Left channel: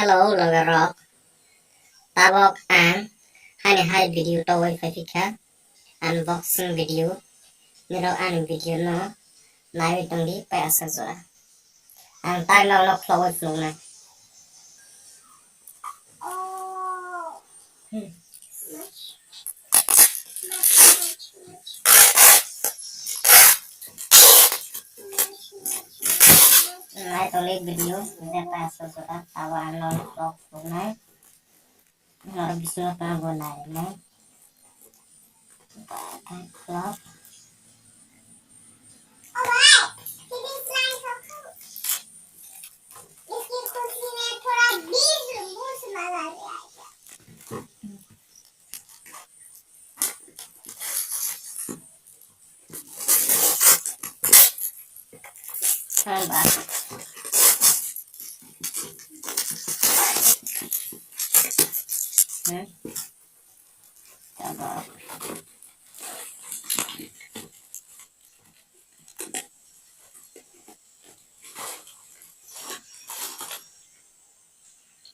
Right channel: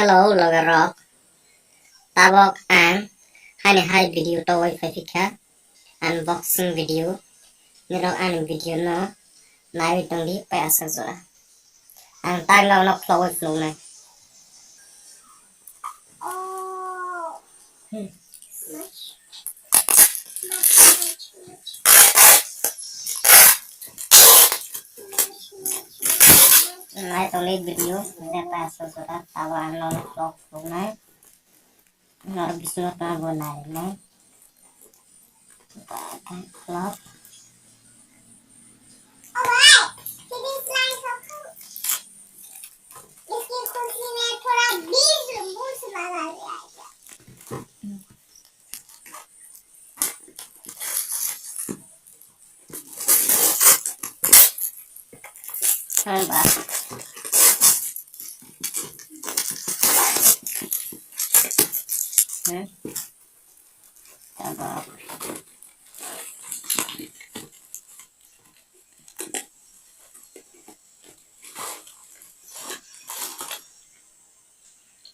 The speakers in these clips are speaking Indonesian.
Hello, Logger Rock. Tabok ang hai video to V-055 unboxing video. Niro ang video no nai tong di pa asa zora. Ang taglaw no flow flow na. Nai tong di video nire pa asa zora tawa ano flow flow na. Nor bisno ta bonai na. Vlog. Coba. Coba.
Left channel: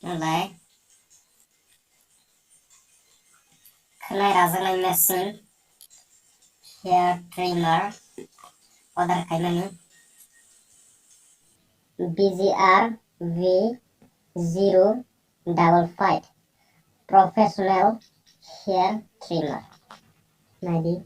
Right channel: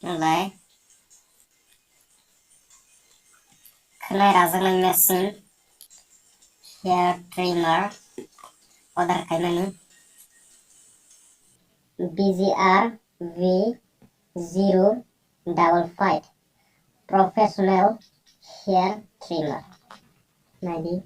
Mulai. Kena razang mesin hair trimmer order kayak VGR V-055 professional hair trimmer. Nadi.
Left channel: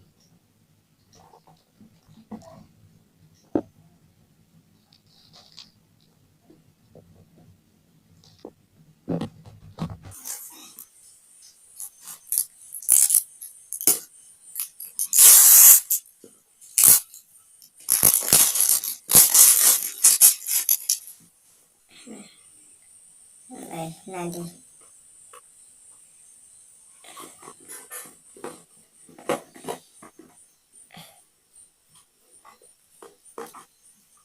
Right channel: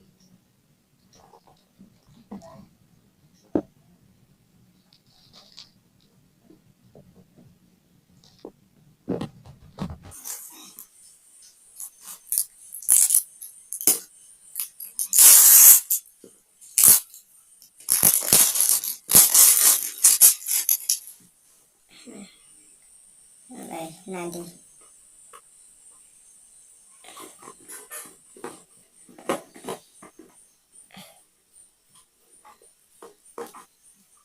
Nadi.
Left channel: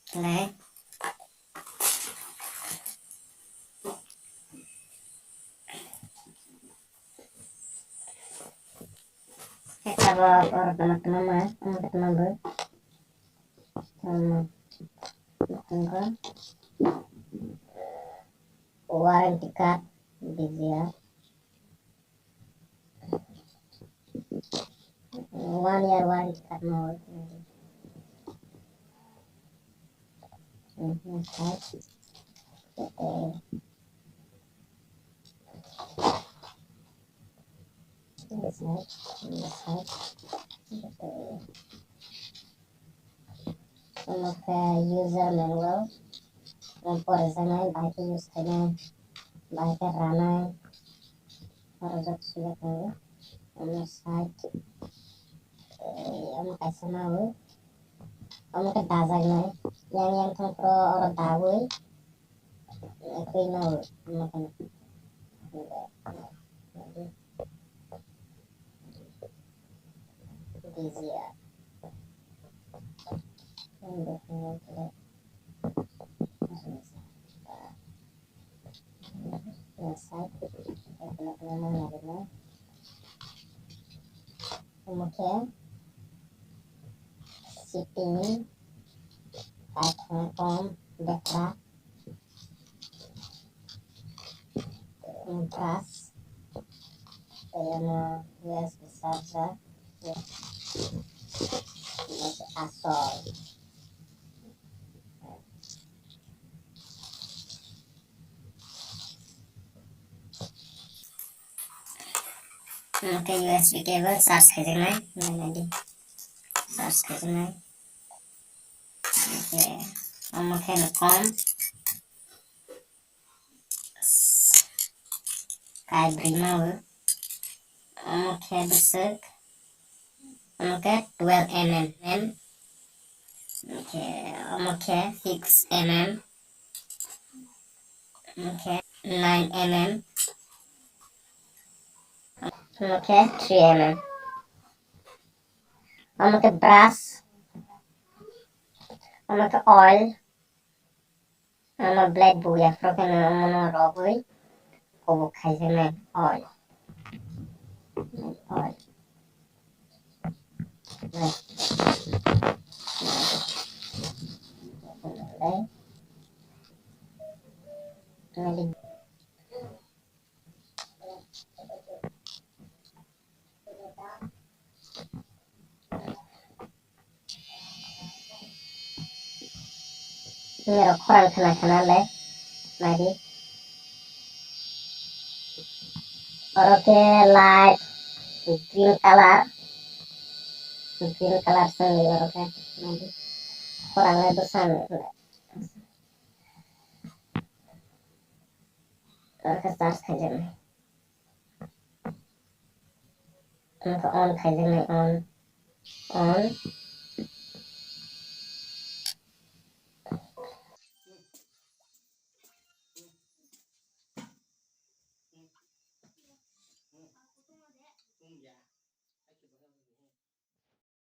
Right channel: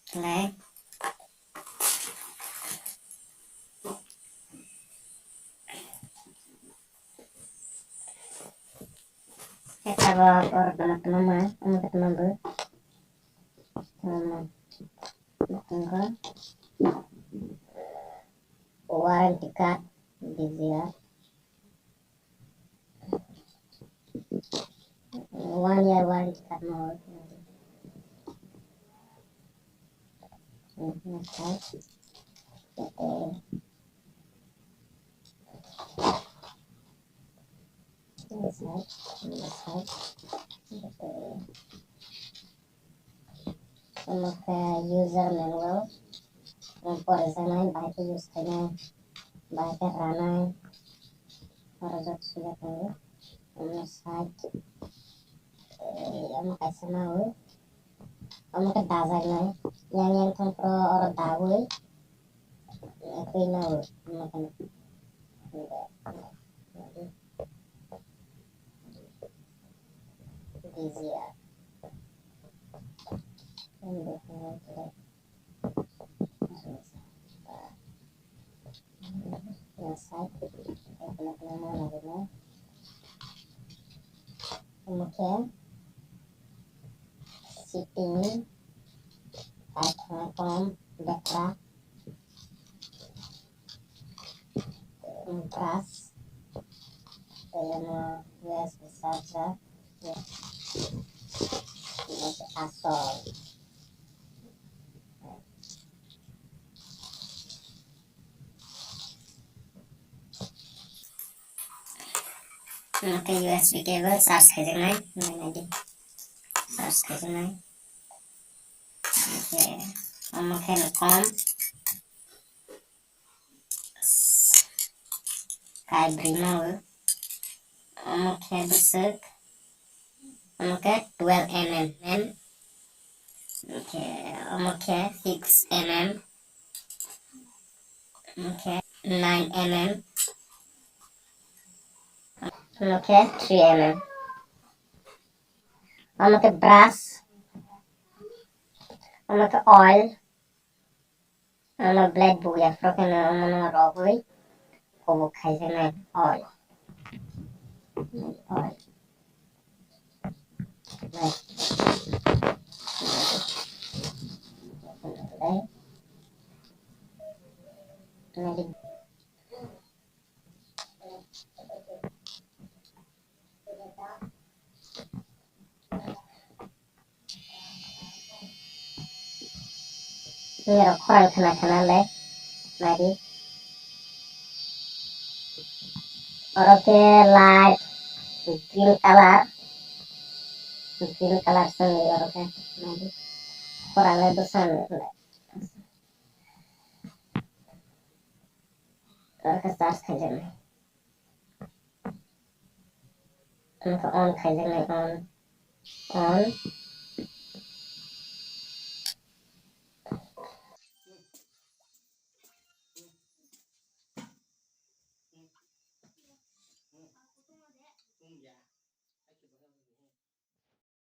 Play. Kita bawa orang teman-teman, teman-teman tunggu warranty card VGR 1 year warranty card mau user manual por sana baik use करना baik rana harus sudah tahu site कैसे ना हो के दाजा नहीं yang tuh pro orang tahu itu ना हो makan VGR kemudian shipping item dekra brush USB charger asol USB cable charge करना है मैंने charge करना है okay com kai brima besek 12 mm okay 6 mm 9 mm 3 mm brush oil blade buya froken robui kobo khaisena oil ngerok kurang kena le mari oroke light green color seni oroke mari kurang le dosan le oroke charge khajeng uनको on khajeng on